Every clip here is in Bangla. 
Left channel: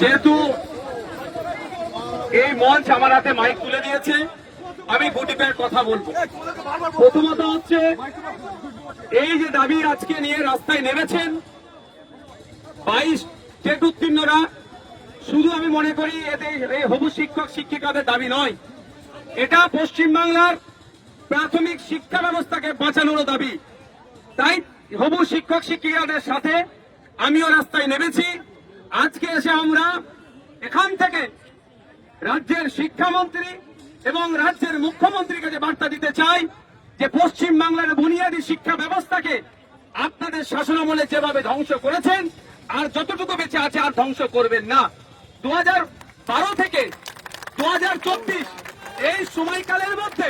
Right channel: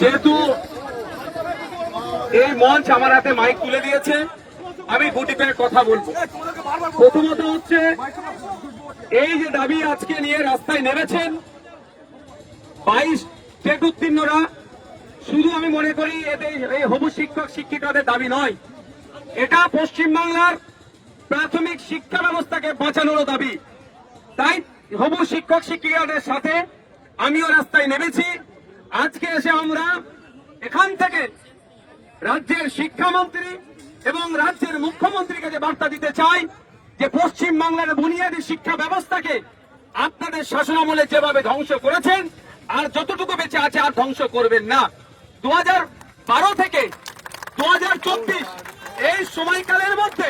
যেহেতু এই মঞ্চ আমার হাতে মাইক তুলে দিয়েছে আমি গুটি কয়েক কথা বলবো প্রথমত হচ্ছে এই যে দাবি আজকে নিয়ে রাস্তায় নেমেছেন বাইশ টেট উত্তীর্ণরা শুধু আমি মনে করি এতে এই হবু শিক্ষক শিক্ষিকাদের দাবি নয় এটা পশ্চিমবাংলার প্রাথমিক শিক্ষা ব্যবস্থাকে বাঁচানোর দাবি তাই হবু শিক্ষক শিক্ষিকাদের সাথে আমিও রাস্তায় নেমেছি আজকে এসে আমরা এখান থেকে রাজ্যের শিক্ষামন্ত্রী এবং রাজ্যের মুখ্যমন্ত্রীকে যে বার্তা দিতে চাই যে পশ্চিম বাংলার বুনিয়াদী শিক্ষা ব্যবস্থাকে আপনাদের শাসনামলে যেভাবে ধ্বংস করেছেন আর যতটুকু বেঁচে আছে আর ধ্বংস করবেন না দু বারো থেকে দু এই সময়কালের মধ্যে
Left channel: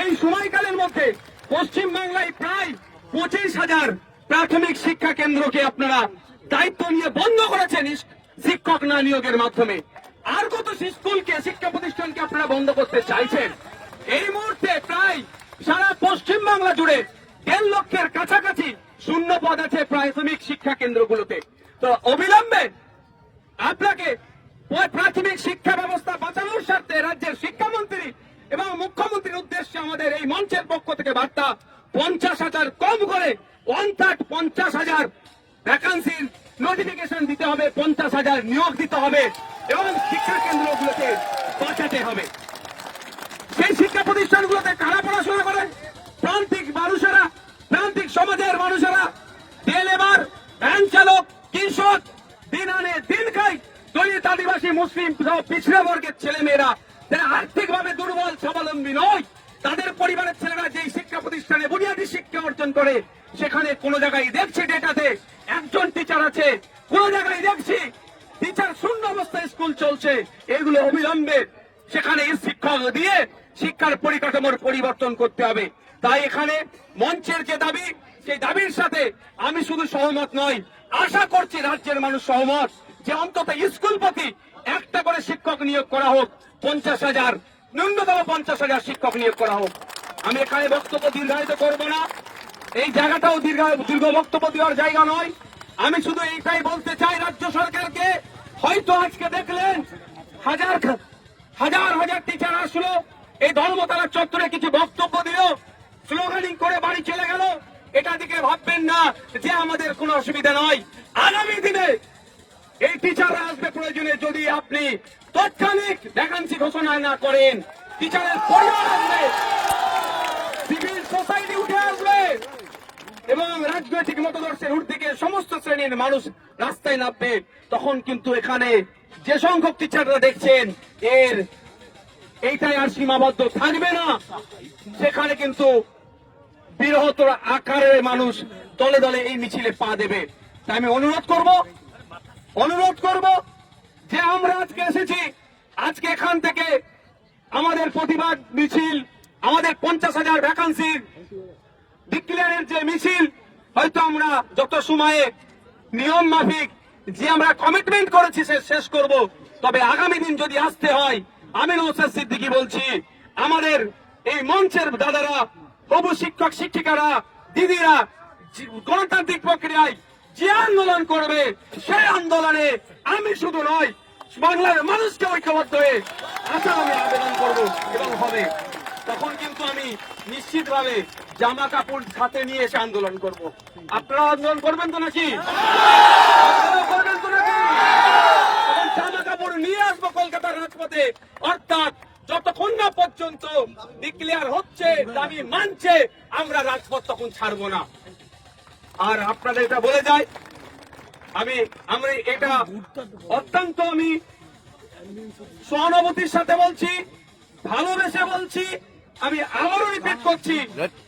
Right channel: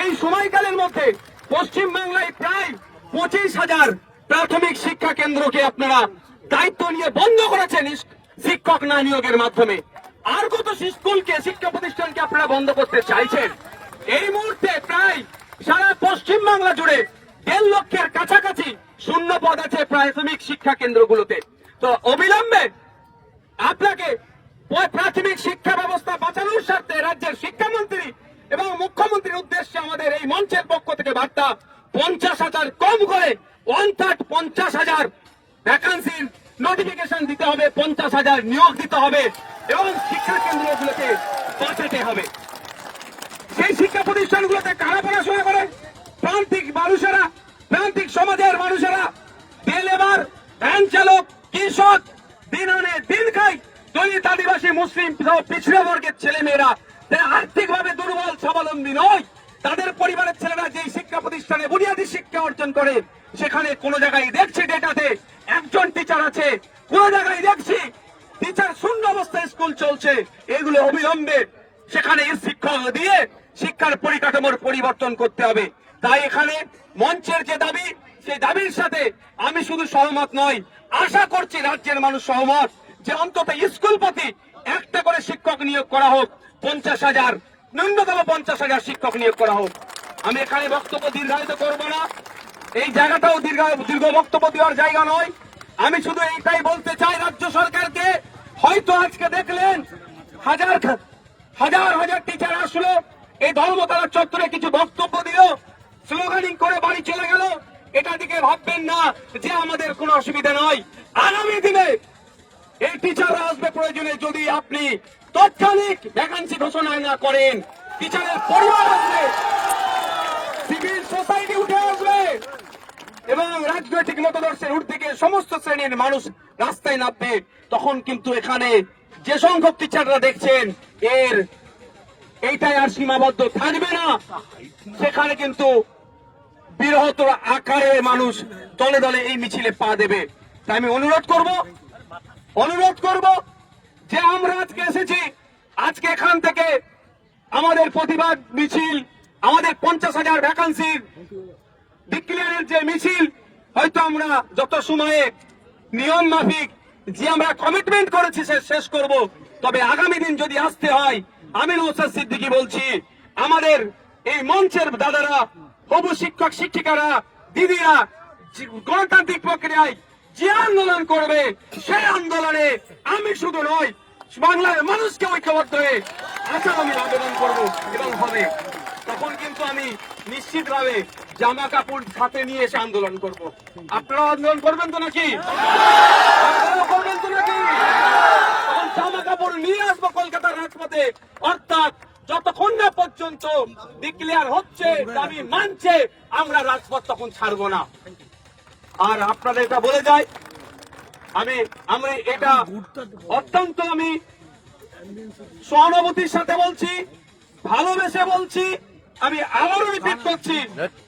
এই সময়কালের মধ্যে পশ্চিম বাংলায় প্রায় পঁচিশ হাজার প্রাথমিক শিক্ষা কেন্দ্রকে আপনারা দায়িত্ব নিয়ে বন্ধ করেছেন শিক্ষক না নিয়োগের মাধ্যমে আর কত স্কুলকে শিক্ষা প্রতিষ্ঠানকে আপনারা বন্ধ করতে চাইছেন এই মুহূর্তে প্রায় সারা পশ্চিম বাংলা জুড়ে দেড় লক্ষের কাছাকাছি শূন্য পদ আছে প্রাথমিক শিক্ষা কেন্দ্রগুলোতে তো অবিলম্বে আপনাকে প্রাথমিক শিক্ষা ব্যবস্থা বাঁচানোর স্বার্থে রাজ্যের শিক্ষামন্ত্রী এবং মুখ্যমন্ত্রীর উদ্দেশ্যে আমাদের এই মঞ্চের পক্ষ থেকে বার্তা পঞ্চাশ হাজার কম করে পঞ্চাশ পঞ্চাশ হাজার ভ্যাকান্সির নোটিফিকেশন দিতে হবে পঞ্চাশ হাজার নিয়োগ দিতে হবে এবং শিক্ষা কেন্দ্রগুলোকে বাঁচাতে হবে সেই শিক্ষা প্রতিষ্ঠানগুলোতে কারা পড়াশোনা করে প্রান্তিক মানুষেরা প্রান্তিক সমাজের মানুষেরা তেল ভ্যান চালক কৃষক দিন আনে দিন খাই দলিত আদিবাসী মুসলিম পিছিয়ে বর্গের ছেলেমেয়েরা যারা আর্থিকভাবে দুর্বল স্বাবলম্বী নয় তাদের পরিবারের ছেলেরা যে শিক্ষা প্রতিষ্ঠানে বুনিয়াদী শিক্ষা অর্জন করে সেখানে কোন জায়গায় দেখছি ডেটাতে একজন টিচার আছে কোন জায়গায় দেখছি টিচার শূন্য অবস্থায় স্কুল চলছে এগুলো অবিলম্বে সেখানে শিক্ষক দিয়ে শিক্ষার পরিকাঠামোর পরিবর্তন করতে হবে তাই এখানে মঞ্চের যে দাবি সেই দাবির সাথে আমি শুধু সহমত নয় আশা করছি রাজ্যের মানুষ সহমত যে অন্তত স্কুল প্রতি একটা করে শিক্ষক নিয়োগ করা হোক পঞ্চাশ হাজার ন্যূনতম পঞ্চাশ হাজার শিক্ষক নিয়োগ করা হোক আমি এখানে বক্তব্য দীর্ঘায়িত করবো না এই জায়গাটাও দীর্ঘ দীর্ঘ বক্তব্য দেওয়ার জায়গা নয় আমি শুধু এইটাই বলতে চাই রাজ্য সরকারকে হয়তো আজকে দেখলেন হাজার হাজার হাজার টিচার আসলো এই ধর্মতলার চত্বরে কিছু বক্তব্য দিল স্লোগানিং করে বাড়ি চলে গেল এটা দিকে ভাববেন না যে আমাদের কোনো অসুবিধা নয় আগামী দিনে এই টিচাররা আসবে প্রয়োজনে যদি আপনি তৎক্ষণিক ভ্যাকান্সি ঘোষণা না করেন টিচারের পরিবার আসবে সিভিল সোসাইটি উঠে আসবে এবং রাজনৈতিক মতদর্শের উর্দিকে সমস্ত শ্রেণীর মানুষ রাস্তায় নামবে তখন কিন্তু এখানে যে সংখ্যক টিচাররা দেখছেন এর এইটাই আর সীমাবদ্ধ থাকবে না সেখানে কিন্তু বৃহত্তর আকারের মানুষ দলে দলে এই মিছিলে পা দেবে তাই আমি অনুরোধ করব অনুরোধ করব যে আমরা আজকে এসেছি আজকে এখান থেকে আমাদের প্রতিবাদ মিছিল আমাদের পঞ্চাশ হাজার ভ্যাকান্সি ডিক্লিয়ারের যে মিছিল হয়তো আমরা যত সময়ে নিয়ম মাফিক যে আমরা কমিটমেন্ট করেছি সে শেষ করব তবে আগামী দিন যদি আসতে হয় আমি নৌসাদ সিদ্দিকি বলছি আমাদের এই মঞ্চের দাদারা প্রভু শিক্ষক শিক্ষিকারা দিদিরা গণতান্ত্রিক প্রক্রিয়ায় যে আন্দোলন করবে সেই আন্দোলনে আমি শুধু নয় বাংলার মানুষকে ঐক্যবদ্ধ হয়ে আসাম আমি আবেদন করবো এবং হবে তখন কিন্তু আমি নিশ্চিতভাবে জামা কাপড় সাথে নিয়ে এসে আন্দোলন করব। আপনারা আন্দোলন করবেন তো নাকি করবেন তো নাকি জামা কাপড় নিয়ে আসবো কলকাতার রাজপথে অর্থাৎ যতক্ষণ না পর্যন্ত ডিক্লেয়ার হচ্ছে দাবি মানছে আমরা রাজপথ তখন ছাড়বো না আর আপনারা এটা বলে যাই আমি আমি এটা অত্যন্ত আমি সহানুভূতির সাথে বলছি ভালোবেসে বলছি আমি আবারও রিপিট করছি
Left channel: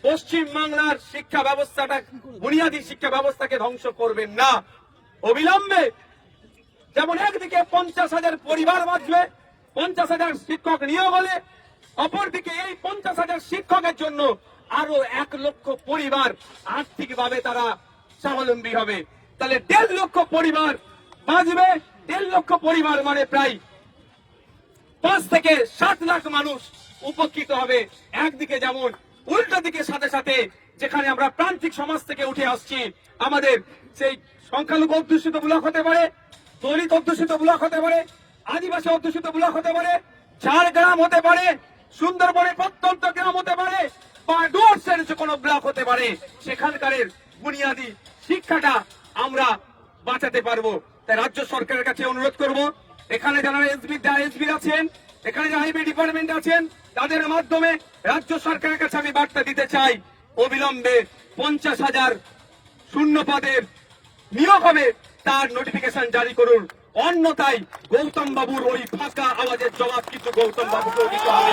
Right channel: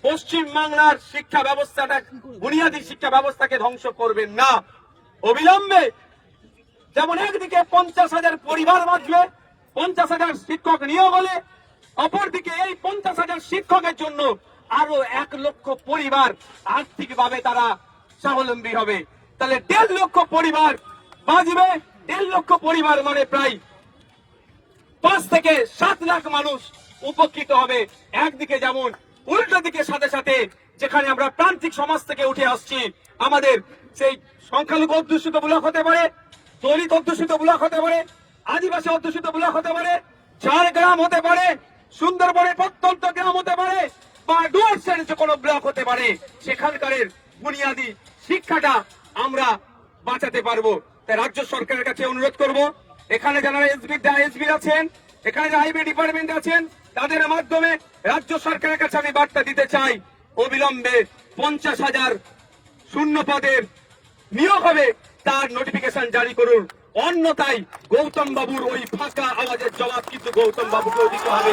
পশ্চিম বাংলার শিক্ষা ব্যবস্থাটা বুনিয়াদি শিক্ষা ব্যবস্থাকে ধ্বংস করবেন না অবিলম্বে যেমন একদিকে পঞ্চাশ হাজার পরিবার বাঁচবে পঞ্চাশ হাজার শিক্ষক নিয়োগ হলে অপরদিকে এই পঞ্চাশ হাজার শিক্ষকের জন্য আরো এক লক্ষ পরিবার আর্থিকভাবে তারা স্বাবলম্বী হবে তাহলে দেড় লক্ষ পরিবার বাঁচবে দেড় লক্ষ পরিবার মানে প্রায় পাঁচ থেকে সাত লাখ মানুষ উপকৃত হবে একদিকে যেমন উল্টো দিকে সাথে সাথে যেখানে আমরা প্রান্তিক সমাজ থেকে উঠে আসছি আমাদের সেই সংখ্যালঘু অধ্যুষিত ব্লক হতে পারে দলিত অধ্যুষিত ব্লক হতে পারে আদিবাসী অধ্যুষিত ব্লক হতে পারে ঝাড়গ্রাম হতে পারে সুন্দরবনে প্রত্যন্ত গ্রাম হতে পারে বা ডুয়ার্সের কোনো ব্লক হতে পারে সেখানকারের বুনিয়াদি শিক্ষাটা আমরা বাঁচাতে পারবো তাই রাজ্য সরকারের কাছে অনুরোধ করব এখানে যারা এসবি এসবি আছেন এখানে যারা আইবি ডিপার্টমেন্ট আছেন তাদের মাধ্যমে রাজ্য সরকারের কাছে আমি বার্তা দিতে চাই অবিলম্বে পঞ্চাশ হাজার শূন্য পদের নিয়োগ হবে তার নোটিফিকেশন জারি করুন অন্যতাই গৌতম বাবুর ওই ফাঁকা আওয়াজের জবাব কিন্তু গৌতম বাবুকেও দিতে হবে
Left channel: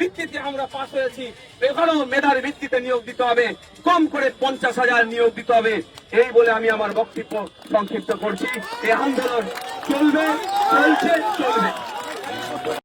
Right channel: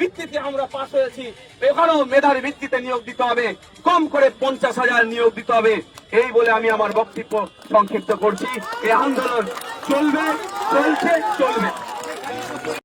ভিত্তিতে আমরা পাশ হয়েছি এখনো মেধার ভিত্তিতে নিয়োগ দিতে হবে কম করে পঞ্চাশ হাজার নিয়োগ দিতে হবে এই বলে আমি আমার বক্তব্য সংক্ষিপ্ত করছি এই আন্দোলন চলবে চলছে চলবে